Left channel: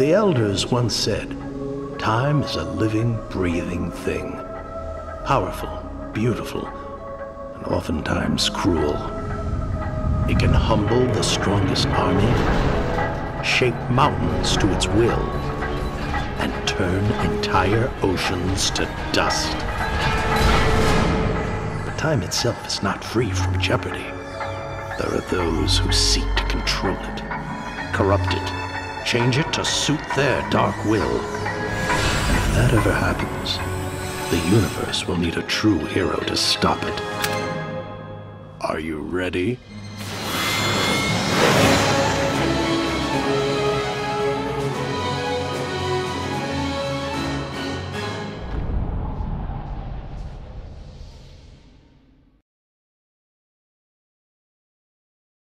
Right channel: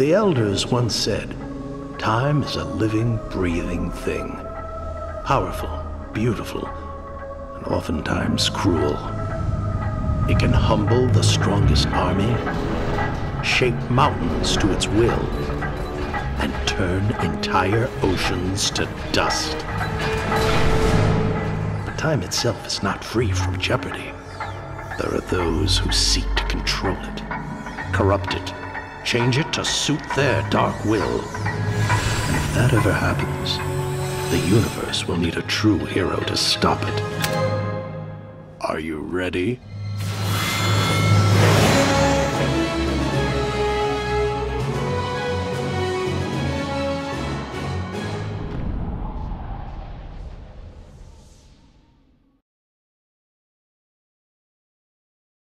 The elders once said, time is a living, breathing thing. Powerful, beautiful, and oftentimes cruel. It can humble the strongest army, shape mountains to its will, and turn entire oceans to dust. But time itself is not free from jeopardy. There are those who seek to control it, corrupt it, change it to suit their dark will. And if that ever happens, the universe will need a true hero to stop it. Are you ready?